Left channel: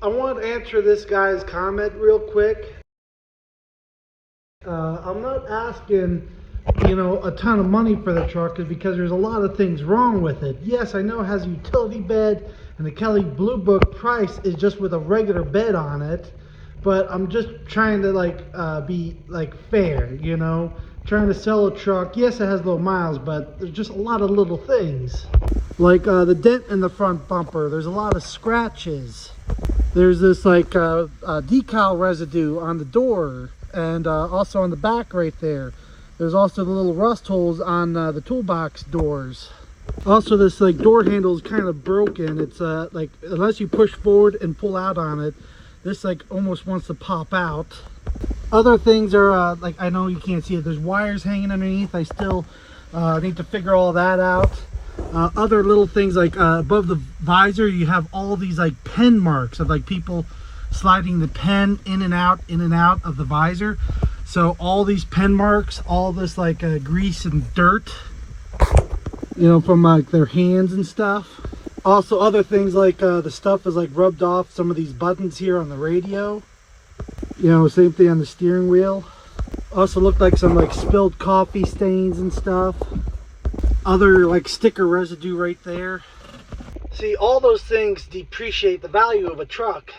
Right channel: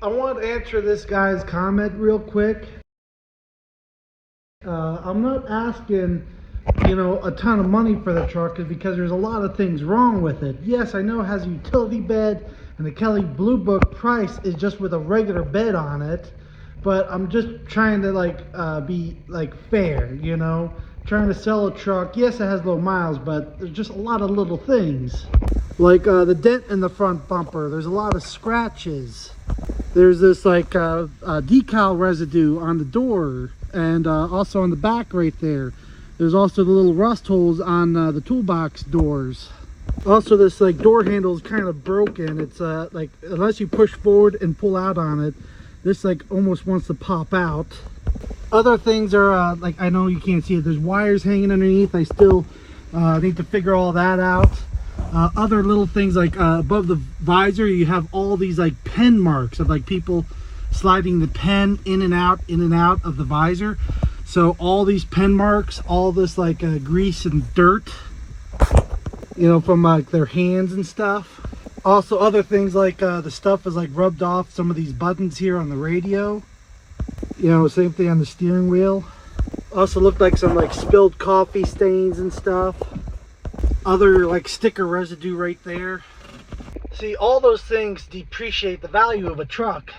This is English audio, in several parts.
I want to answer this guy's comment real quick. I'm not asking, a ton of money for the truck because there's a lot of things wrong with it. Yes, I know it has a utility bed and the Kelly Blue Book price is just with a regular bed on it, but I'm just trying to be fair, trying to sell a truck. Yes, it has low miles, but there's just a lot of little things. Like the dent in the front bumper, there's a lot of scratches. There's this decal residue on the door and also on the back right there. There's also the little rust holes on the toolbox doors. Also, this door handle is kind of broken. It's unless you push forward and pull out on it, this almost wants to pop out. Other things are I know you can't see it. There's wires hanging underneath. I still need to figure all that out. Other little things above the visor, you have all these pen marks of people sliding the pen in and out of the visor. So all these pen marks, all this grease and dirt, from their hands and stuff. Also other things the stuff is rubbed off some of these buttons here on the radio. Same thing on the steering wheel. Also looked like some spilled coffee stains and stuff. Other sticker residue right there. See, all those things depreciate the value of a truck,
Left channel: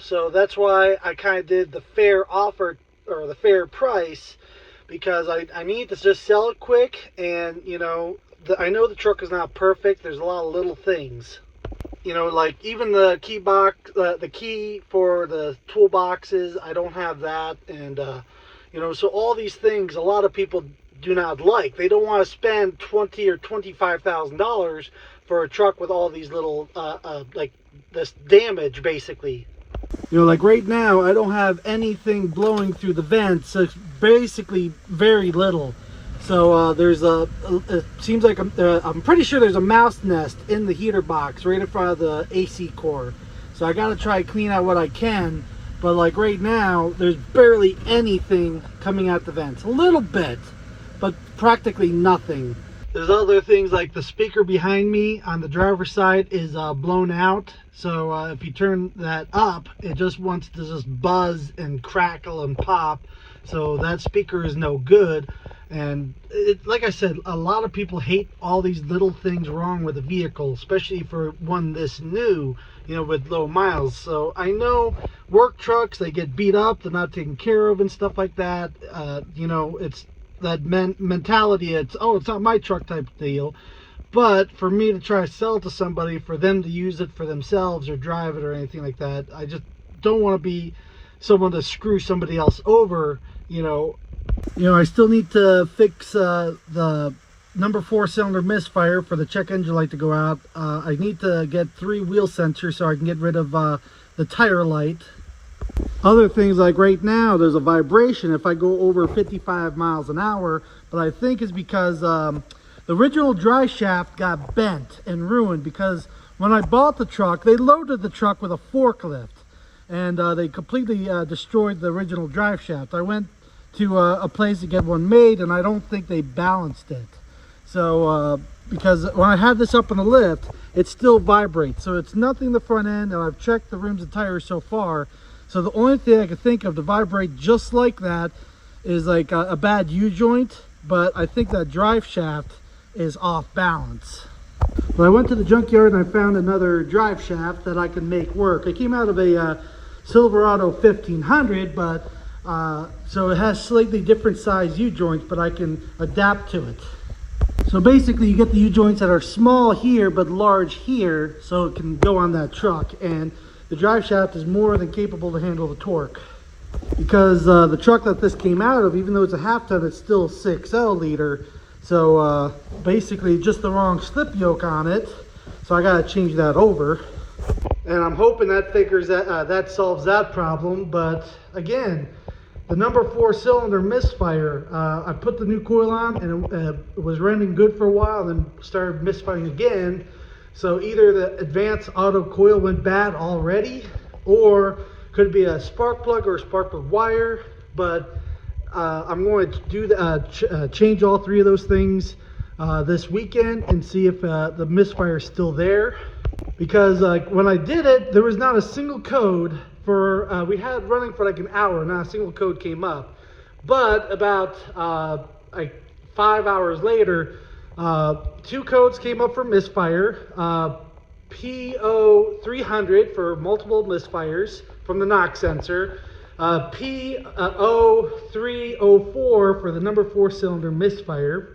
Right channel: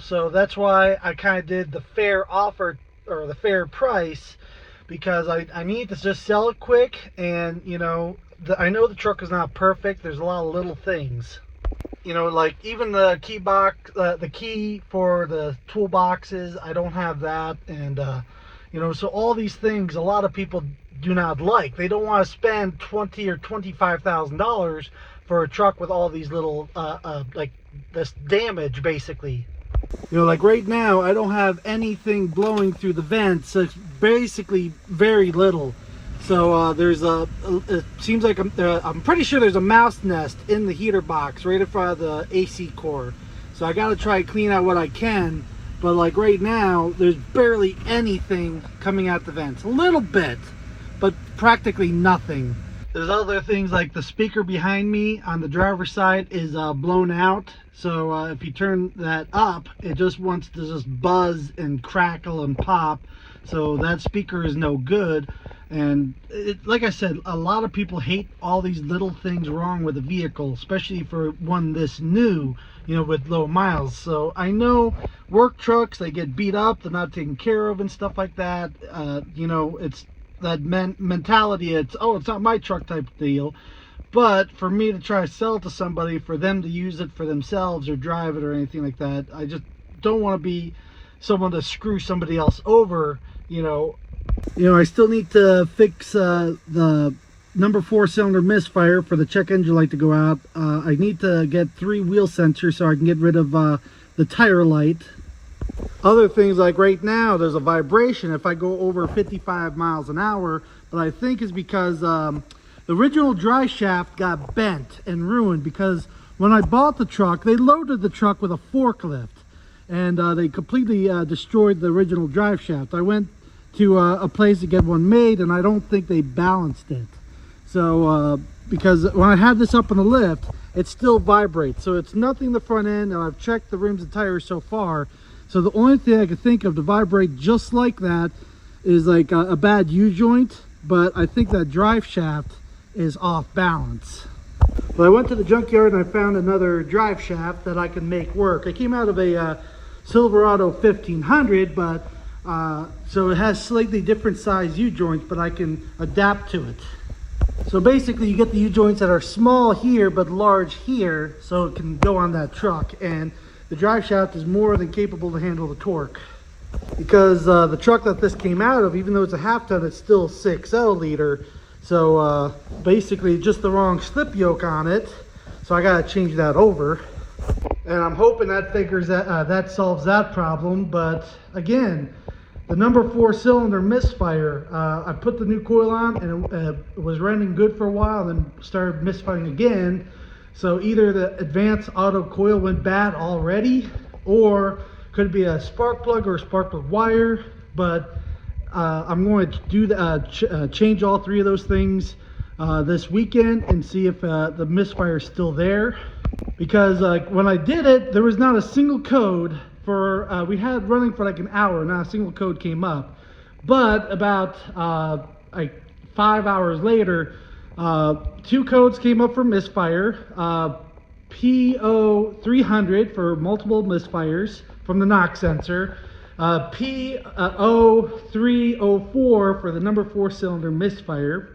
so that's why I kind of did the fair offer or the fair price, because I need to just sell it quick. And I know the truck is not perfect. There's a lot of little things, even the key box, the key for the toolboxes, I don't have that. And so all these things a lot of people do not like. They don't want to spend $20,000 or $25,000 for a truck with all these little this damage, basically. Right now I don't have anything blowing through the vents, so it's basically very little. So there's it seems like I'm pretty sure there's a mouse nest in the heater box right in front of the AC core. So I got to try to clean out what I can, but right now there's barely anything coming out the vents. A little bit, but practically nothing. There's other things like the speaker behind me on the driver's side is blown out. So if you turn that up, it just wants to just buzz and crackle and pop. So that speaker is no good. And like I said, a lot of people hate all these little things wrong with a vehicle, especially for one this new, with low miles. So I know work trucks, they get beat up, they're not taken care of and stuff like that. It's that mentality, it's not my truck type deal. But for me to try to sell it to somebody, for them to use it for themselves or drive it or anything like that, I just don't want to be someone to screw somebody else over. I still need to fix the number 4 cylinder misfire for the check engine light to go out. I need to get 3 wheel sensors so I can get rid of the tire light. Other things right now, there's a vibration if I go over 55 miles an hour, but I think it's because the original drive shaft got bent and ruined, because when I bought the truck, they loaded the truck with a forklift and they completely destroyed the original drive shaft. I went to a place to get one made and I don't think they balanced it. So because when I had this up on the lift, it still vibrates. So it's nothing the front end, and I've checked the rims and tires so far. So the only thing I could think of to vibrate just like that is a bad U-joint, but I think that drive shaft is off balance. Well, I went to the junkyard and I found another drive shaft that I can make work. I came out of a Silverado 1500, but so it has slightly different size U-joints, but I can adapt to it. So basically you get the U-joints that are small here but large here, so it can go on that truck, and the drive shaft is more than capable to handle the torque. Because the truck that this came out of, even though it's a half ton, it's still 6L liter. So basically just the wrong slip yoke on it. So I gotta change that over. And I'm hoping that figures that solves that problem. But again, the number 4 cylinder misfire, I put the new coil on and it was running good for a while and then started misfiring again. So either the advanced auto coil went bad already, or could be a spark plug or a spark plug wire. But I'm going to do change all 3 of those things this weekend and see if the misfire is still there. because when I did it, there was not a single code for, we had running for like an hour, not a single code came up. But about like 5 hours later, 2 codes came up for misfire, PO300 for multiple misfires from the knock sensor, PO304 for the number 4 cylinder misfire.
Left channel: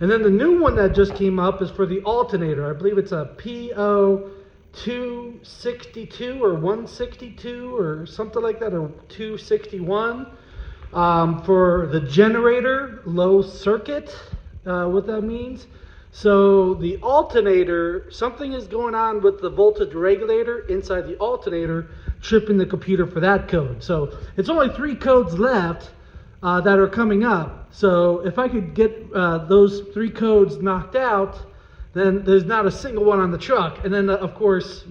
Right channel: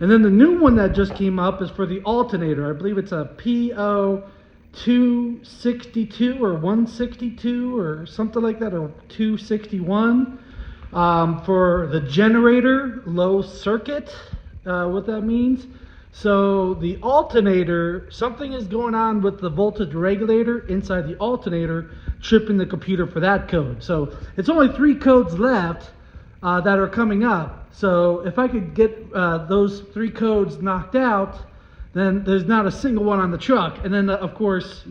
And then the new one that just came up is for the alternator. I believe it's a PO262 or 162 or something like that, or 261 for the generator low circuit, what that means. So the alternator, something is going on with the voltage regulator inside the alternator, tripping the computer for that code. So it's only 3 codes left that are coming up. So if I could get those 3 codes knocked out, then there's not a single one on the truck. And then of course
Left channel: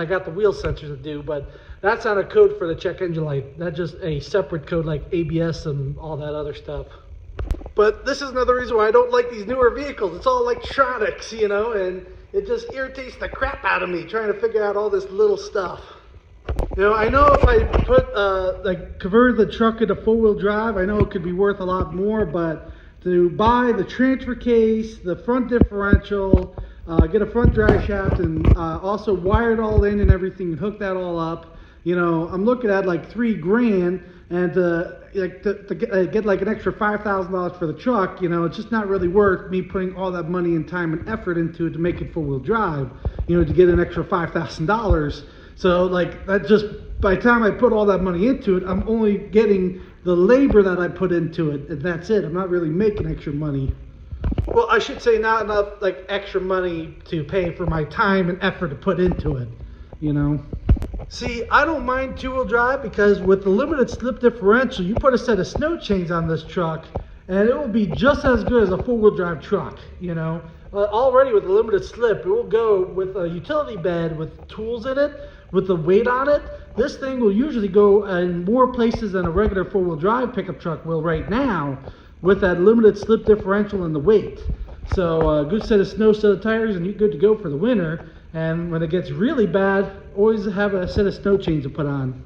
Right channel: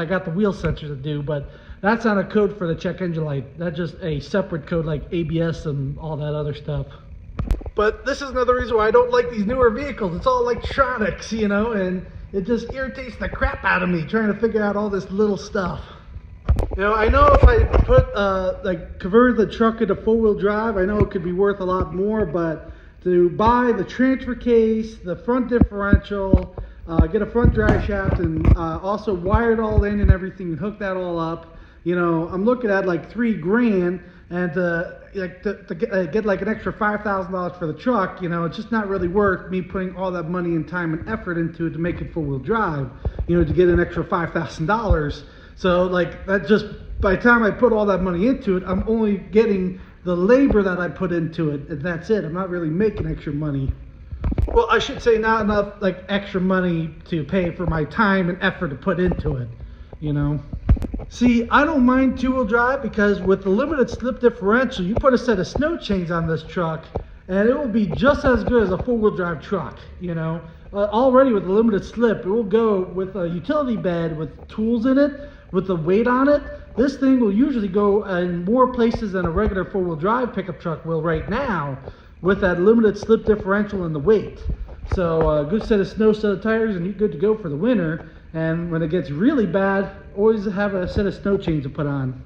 I got the wheel sensor to do, but that's not a code for the check engine light. That's just a separate code like ABS and all that other stuff. But this is another reason why I don't like these newer vehicles. It's all electronics, you know, and it just irritates the crap out of me trying to figure out all this little stuff. Now, I know if I convert the truck into 4-wheel drive, I know it could be worth a lot more, but to buy the transfer case, the front differential, get a front drive shaft, and also wire it all in and everything, and hook that all up, you know, I'm looking at like $3 grand, and to get like an extra $5,000 for the truck, you know, it's just not really worth me putting all that money and time and effort into it to make it 4-wheel drive, you know, to get an extra $5,000. So like, that just, by the time I put all that money into it, I'm only getting the labor that I put into it, and that's it. I'm not really making extra money. Well, I should say not enough like extra money to pay for my time and effort to put into it, you know. See, I don't mind 2-wheel drive because with the limited slip differential, you put a set of snow chains on this truck and it will be just as good as a 4-wheel drive truck, you know. Already with the limited slip, it will go with a utility bed with tools in it, with the weight on it. This thing will usually go in more places than a regular 4-wheel drive pickup truck will right now with that limited slip differential and the weight. So a good set of snow set of tires and you're good to go for the winter. And when it gets really bad, always have a set of snow chains to put on.